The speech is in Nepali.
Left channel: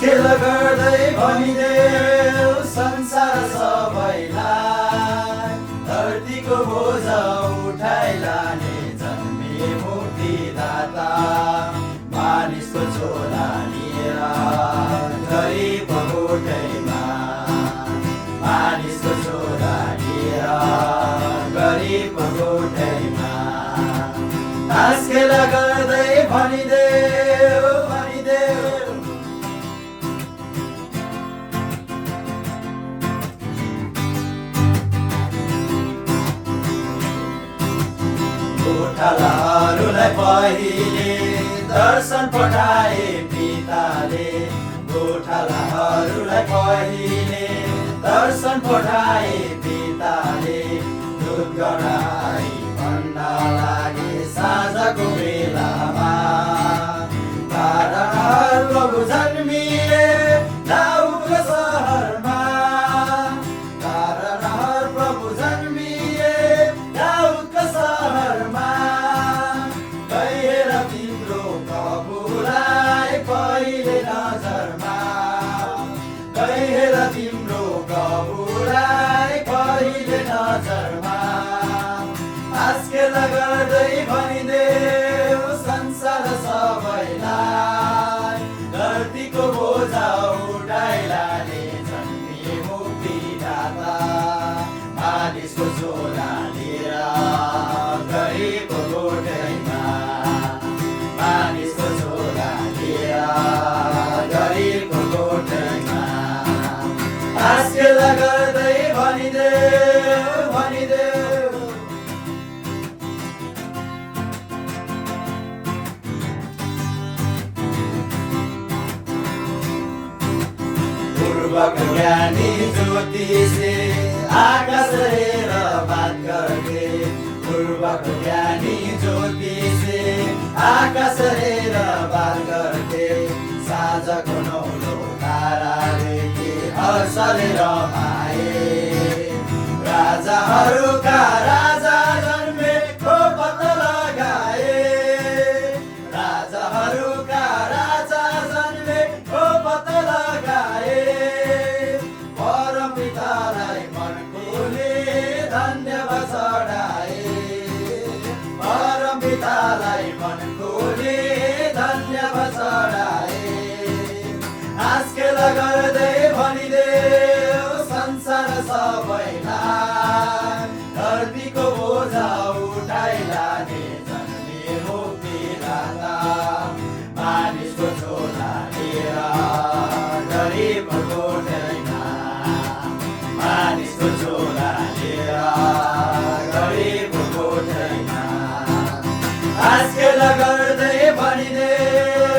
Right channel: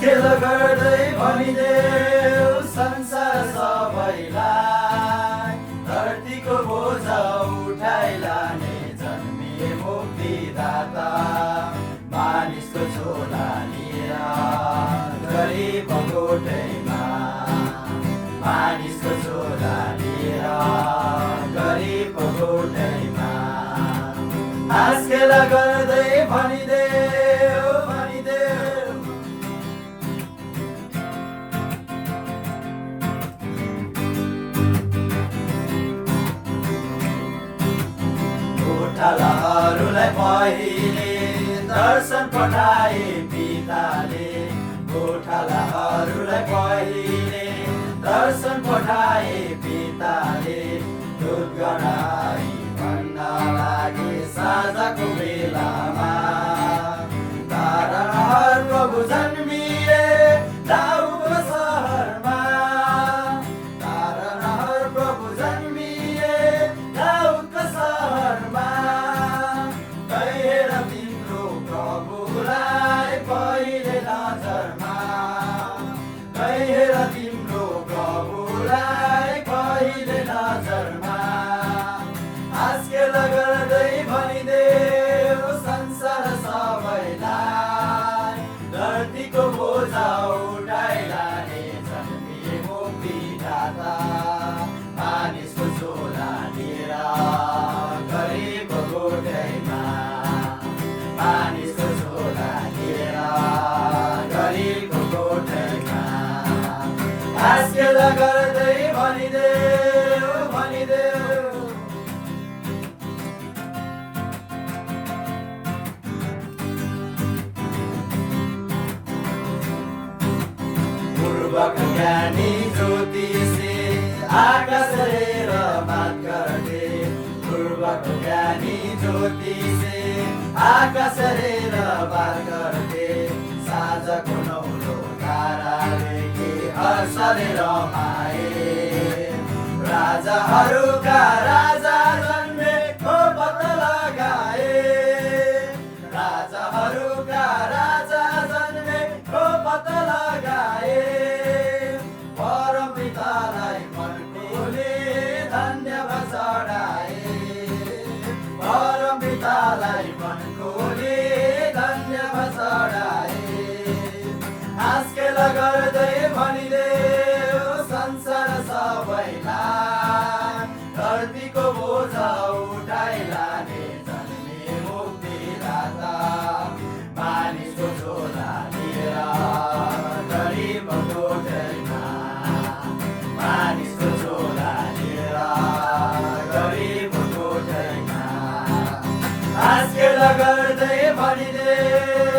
खेल गर्दै भनिदेऊ संसार सबैलाई, धरतीको बोझ उठाइ लाने जन्मिए मुक्तिदाता, मानिसको झोला लिएर गरिब गोठैमा, मानिसको झोला लिएर गरिब गोठैमा, हाँस खेल गर्दै भनिदेऊ भनिदेऊ गोठालाहरूलाई पहिले दर्शन पठाए पिताले, गोठालाहरूलाई पहिले दर्शन पठाए पिताले, दुध गराई भन्न लागे साँझको बेलामा, ताराहरू प्रभु जन्मिए दाउदको सहरमा, ताराहरू प्रभु जन्मिए दाउदको सहरमा, हेर तिम्रो प्रभुलाई पहिले नजरमा, हेर तिम्रो प्रभुलाई पहिले नजरमा, हाँस खेल गर्दै भनिदेऊ संसार सबैलाई, धरतीको बोझ उठाइ लाने जन्मिए मुक्तिदाता, मानिसको झोला लिएर गरिब गोठैमा, मानिसको झोला लिएर गरिब गोठैमा, हाँस खेल गर्दै भनिदेऊ भनिदेऊ पूर्वको ज्ञानी ज्योतिषे आकाश हेरेर बात गर्थे, पूर्वको ज्ञानी ज्योतिषे आकाश हेरेर बात गर्थे, साँझको नौलो ताराले हर्षले रमाए, राजाहरूका राजा जन्मेको पत्ता लगाए, राजाहरूका राजा जन्मेको पत्ता लगाए, परमपितालाई मन खोले धन्यवाद चढाए, परमपितालाई मन खोले धन्यवाद चढाए, हाँस खेल गर्दै भनिदेऊ संसार सबैलाई, धरतीको बोझ उठाइ लाने जन्मिए मुक्तिदाता, मानिसको झोला लिएर गरिब गोठैमा, मानिसको झोला लिएर गरिब गोठैमा, हाँस खेल गर्दै भनिदेऊ